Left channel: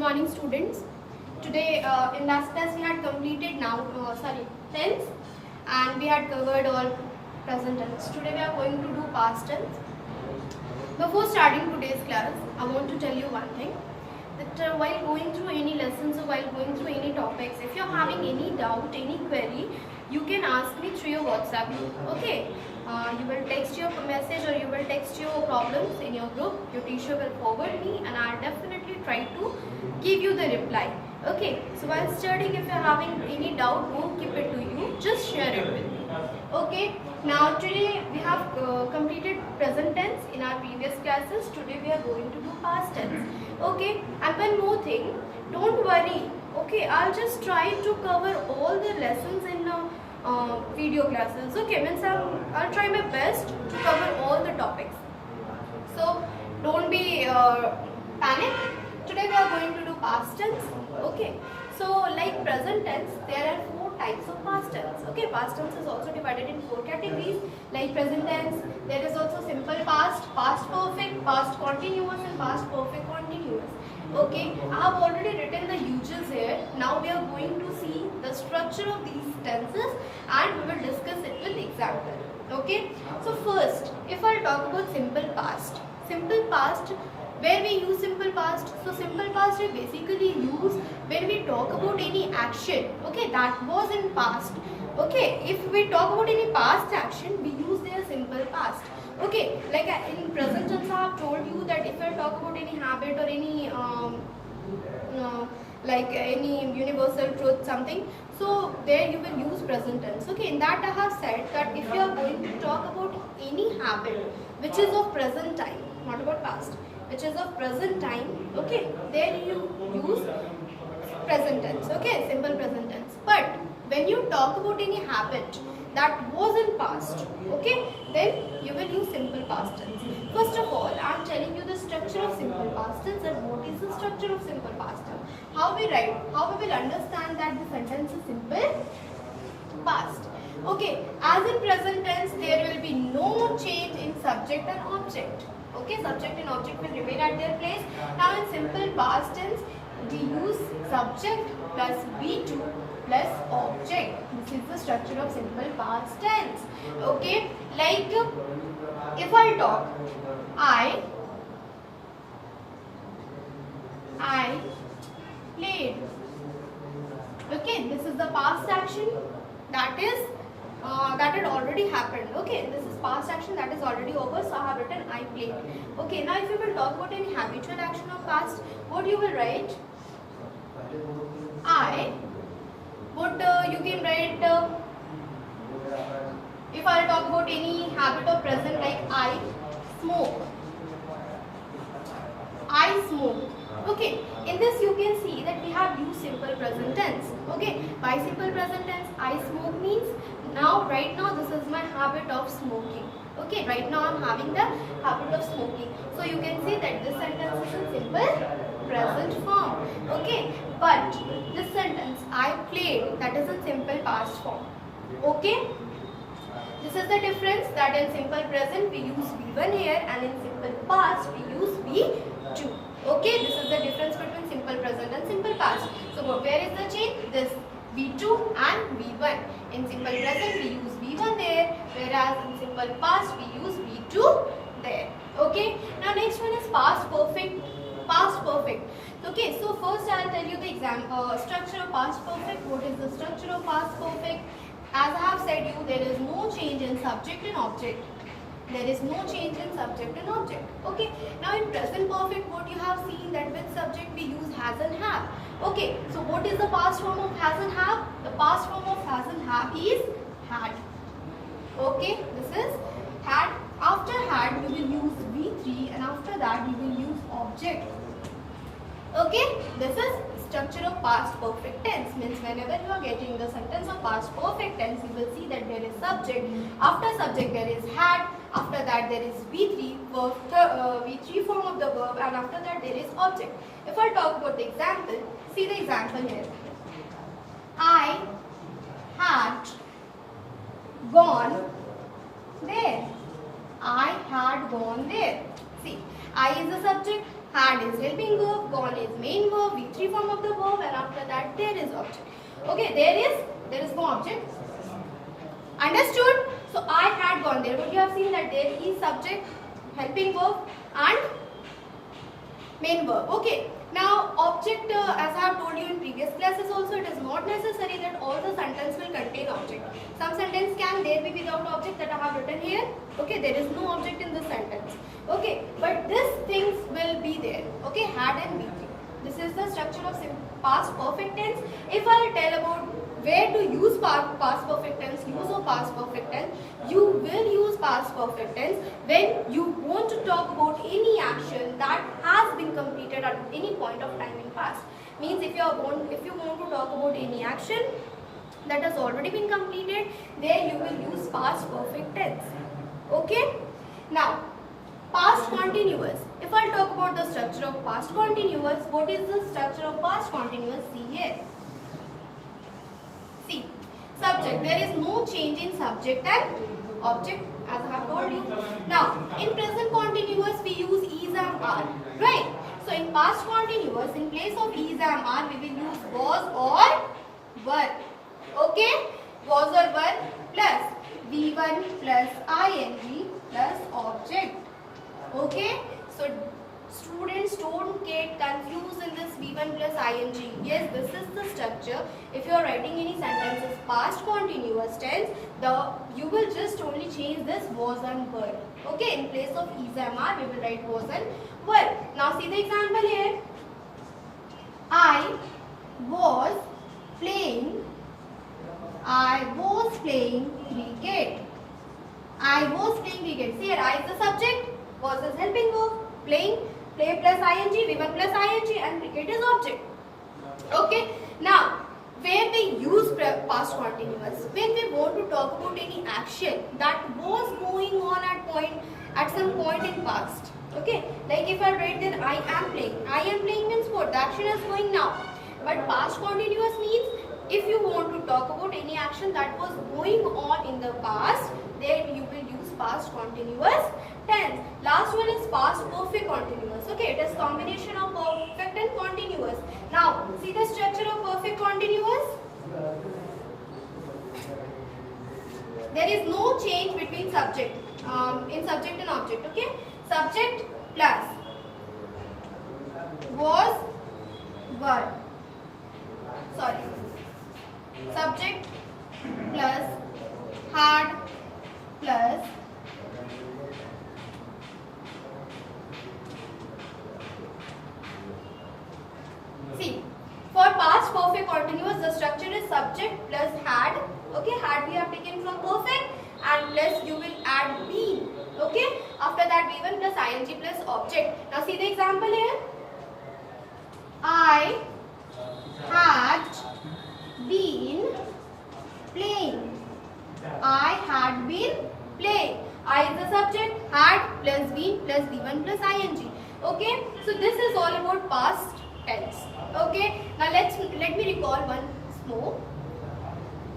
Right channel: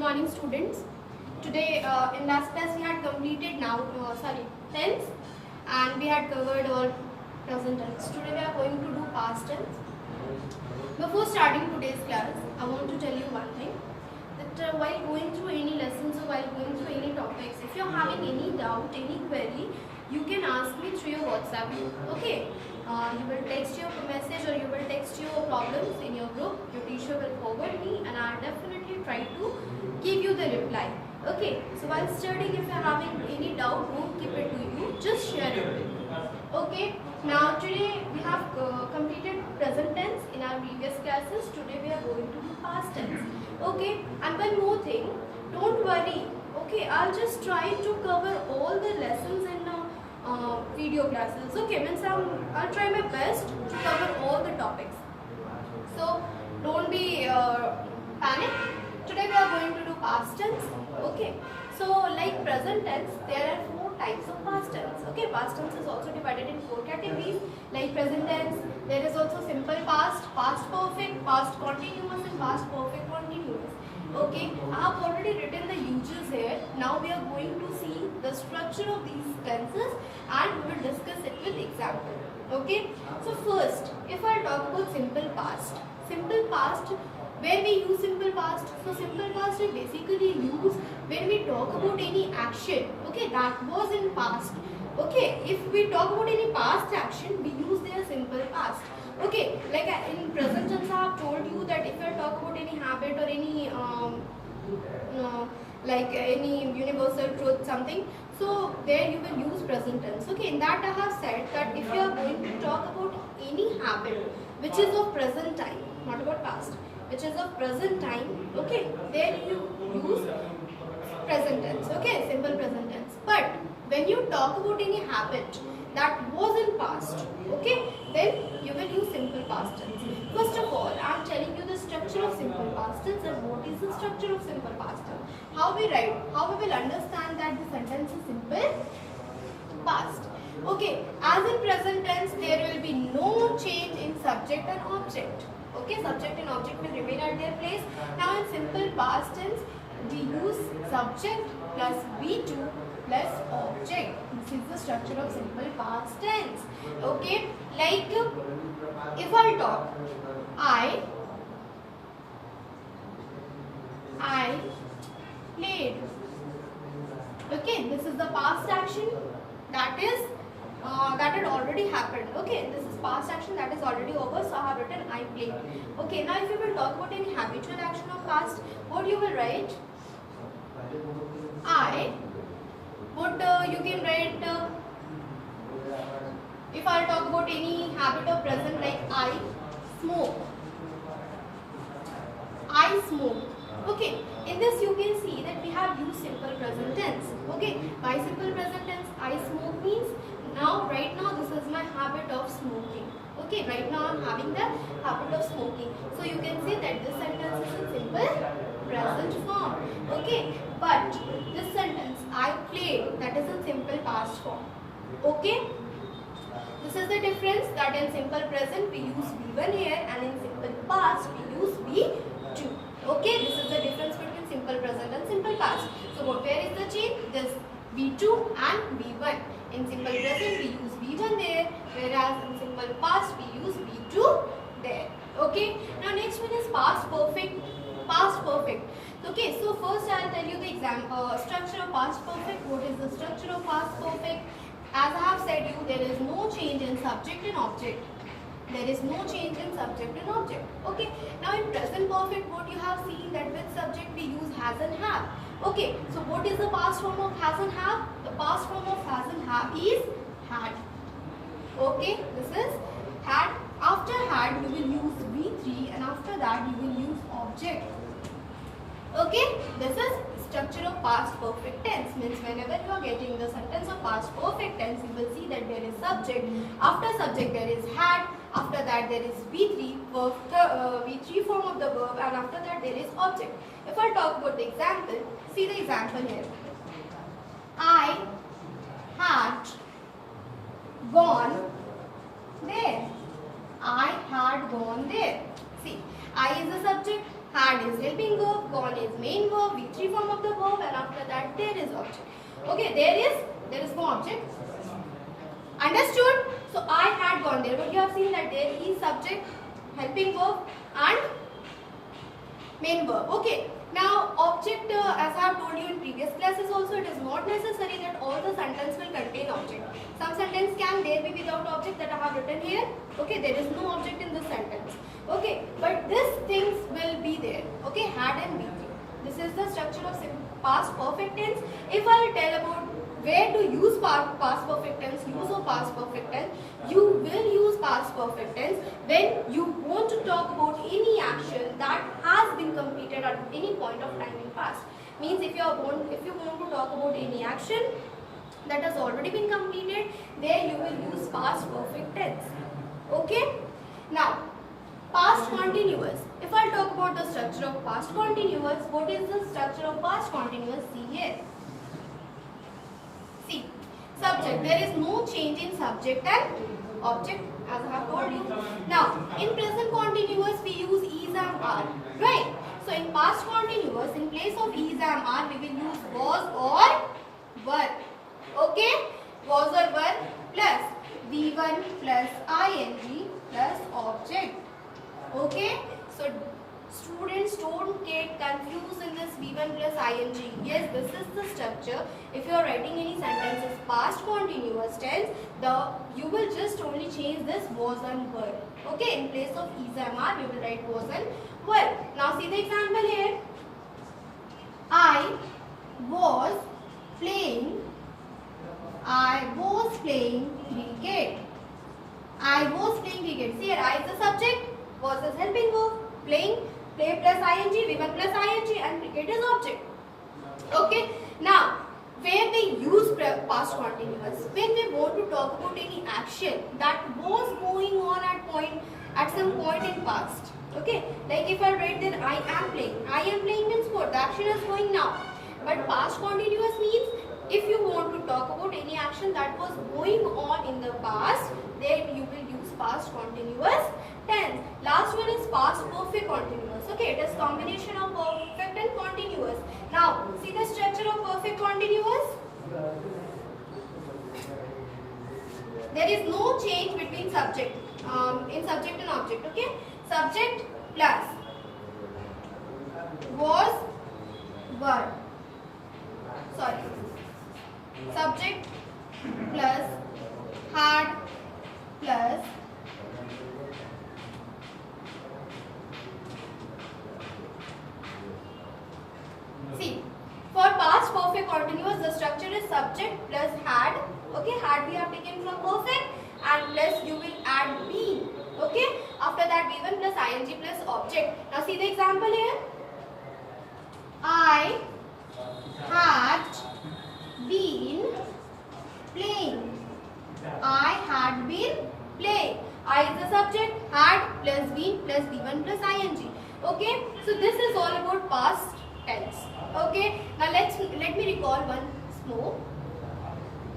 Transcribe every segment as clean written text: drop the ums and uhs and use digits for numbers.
morning, students. Today in last class we had completed tense, and we had covered all present tense. Today we are going to do past tense. Before starting today's class, I want to tell you one thing, that while going through any lessons or while going through any topics, if you are having any doubt, any query, you can ask me through your WhatsApp group. Okay, you will text your message or you will text your problems in your group. Your teacher will forward me and I'll definitely try to give you the reply. Okay, so while studying, if you are having any doubt, don't keep it to you, just share it with me. Okay, now today we have completed present tense in our previous classes. Today we are going to do past tense. Okay, and one more thing, don't worry. Okay, I'll just try to cover all the lessons in video classes. Okay, means I'll try my best to cover all the topics. So don't be panic. Today we are going to do past tense. Okay, so like present tense, there are 4 types of past tense. Okay, past tense is also divided in 4 categories. Like present tense, there is also simple past, past perfect, past continuous, and past perfect continuous. Okay, I have already written the uses here. Now we are going to see the structure of these tenses and we will discuss it with example. Okay, so first, if I talk about simple past, where we use simple past. So simple past we basically use when we talk about any action, okay, that was in past. Okay, if we talk about any past action, we use their simple past. Okay, like in present tense I have told you that if I talk about any habit or any like any universal truth something, so there you will use present tense. Okay, in that I have said that if you are going to talk about any habit which is of present time, not about past, which is of present time, okay, there you use present tense, okay, simple present tense. But when you talk about any habit that was in past, okay, then you will use simple past tense. First of all, I am telling you the structure of simple past tense and what is the structure of simple past tense. How we write, how we will understand that the sentence is simple past. Okay, as in present tense, there will be no change in subject and object. Okay, subject and object will remain at their place. Now in simple past tense, we use subject plus V2 plus object. This is the structure of simple past tense. Okay, like if I talk, I played. Okay, this is the past action that had already happened. Okay, this is past action that is already over, so I have written I played. Okay, now if you will talk about any habitual action of past, what you will write? You can write, if I talk about any habit of present, like I smoke. Okay, in this you can see that we have used simple present tense. Okay, by simple present tense, I smoke means right now this is my habit of smoking. Okay, right now I am having the habit of smoking. So you can see that this sentence is in simple present form. Okay, but this sentence I played, that is in simple past form. Okay, this is the difference, that in simple present we use V1 here and in simple past we use V2. Okay, this is the difference between simple present and simple past. So where is the change? This V2 and V1. In simple present we use V1 there, whereas in simple past we use V2 there. Okay, now next one is past perfect. Okay, so first I will tell you the structure of past perfect. What is the structure of past perfect? As I have said you, there is no change in subject and object. Okay, now in present perfect, what you have seen that with subject we use has and have. Okay, so what is the past form of has and have? The past form of has and have is had. Okay, this is had. After had, you will use V3 and after that you will use object. Okay, this is structure of past perfect tense. Means whenever you are getting the sentence of past perfect tense, you will see that there is subject. After subject there is had. After that there is V3, V3 form of the verb, and after that there is object. If I talk about the example, see the example here. I had gone there. I had gone there. See, I is the subject, had is helping verb, gone is main verb, V3 form of the verb, and after that there is object. Okay, there is no object. Understood? So I had gone there. But you have seen that there is subject, helping verb, and main verb. Okay. Now object, as I have told you in previous classes also, it is not necessary that all the sentence will contain object. Some sentence can there be without object that I have written here. Okay, there is no object in this sentence. Okay, but these things will be there. Okay, had and be. This is the structure of past perfect tense. If I will tell about where to use past perfect tense, use of past perfect tense, you will use past perfect tense when you want to talk about any action that has been completed at any point of time in past. Means if you want to talk about any action that has already been completed, there you will use past perfect tense. Okay? Now, past continuous. If I talk about the structure of past continuous, what is the structure of past continuous? See here. See, subject. There is no change in subject and object, as I have told you. Now, in present continuous, we use is and are. Right? So, in past continuous, in place of is and are, we will use was or were. Okay? Was or were plus V1 plus ing plus object. Okay? So, students don't get confused in this V1 plus ing. Yes, this is the structure. If you are writing any sentences past continuous tense, you will just only change this was and were. Okay, in place of is and are, we will write was and were. Now see the example here. I was playing cricket. I was playing cricket. See here, I is the subject, was is helping verb, playing, play plus ing, V1 plus ing, and cricket is object. Okay. Now, where we use past continuous, when we want to talk about any action that was going on at some point in past. Okay. Like if I write that I am playing. I am playing means what? The action is going now. But past continuous means if you want to talk about any action that was going on in the past, then you will use past continuous tense. Last one is past perfect continuous. Okay, it is combination of perfect and continuous. Now, see the structure of perfect continuous? There is no change between subject, in subject and object. Okay, subject plus was, were. Sorry. Subject plus had plus see, for past perfect continuous, the structure is subject plus had. Okay, had we have taken from perfect, and plus you will add been. Okay, after that V1 plus ing plus object. Now see the example here. I had been playing. I had been playing. I is the subject, had plus been plus V1 plus ing. Okay, so this is all about past tense. Okay, now let me recall once more.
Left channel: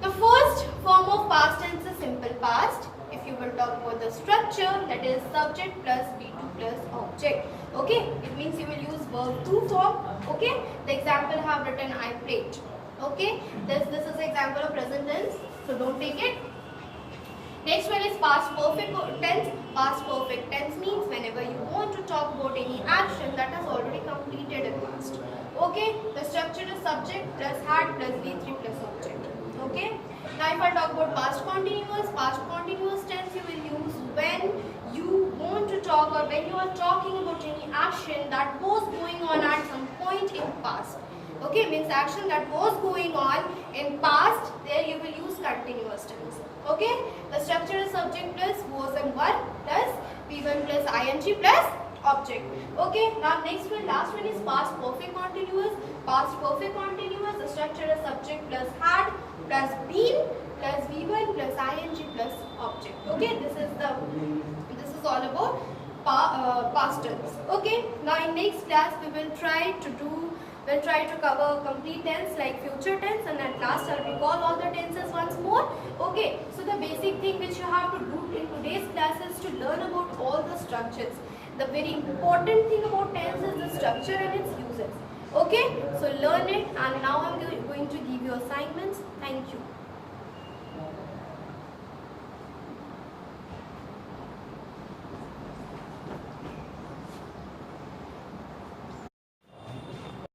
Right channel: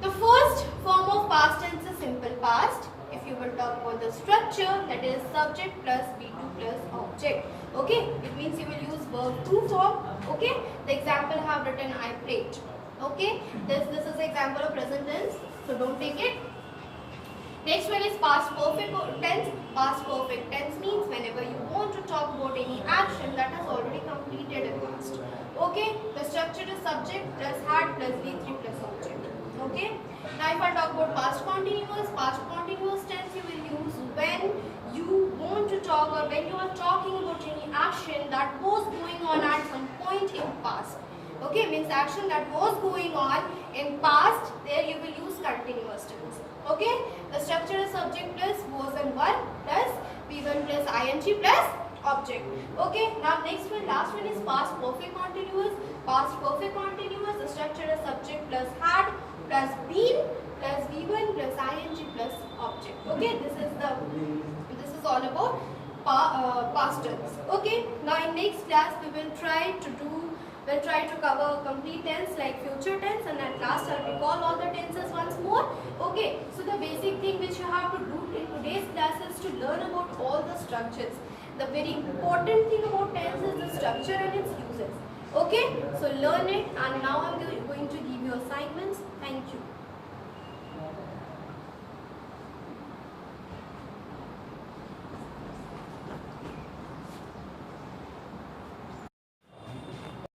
The first form of past tense is simple past. If you will talk about the structure, that is subject plus V2 plus object. Okay, it means you will use verb to form. Okay, the example I have written I played. Okay, this is the example of present tense, so don't take it. Next one is past perfect tense. Past perfect tense means whenever you want to talk about any action that has already completed in past. Okay, the structure is subject plus had plus V3 plus object. Okay, now if I talk about past continuous tense you will use when you want to talk or when you are talking about any action that was going on at some point in past. Okay, means action that was going on in past, there you will use continuous tense. Okay, the structure is subject plus was and were plus V1 plus ing plus object. Okay, now next one, last one is past perfect continuous. Past perfect continuous, the structure is subject plus had plus been plus V1 plus ing plus object. Okay, this is all about past tense. Okay, now in next class we will try to do We'll try to cover complete tense like future tense, and at last I'll recall all the tenses once more. Okay, so the basic thing which you have to do in today's class is to learn about all the structures. The very important thing about tense is the structure and its uses. Okay, so learn it, and now I'm going to give you assignments. Thank you.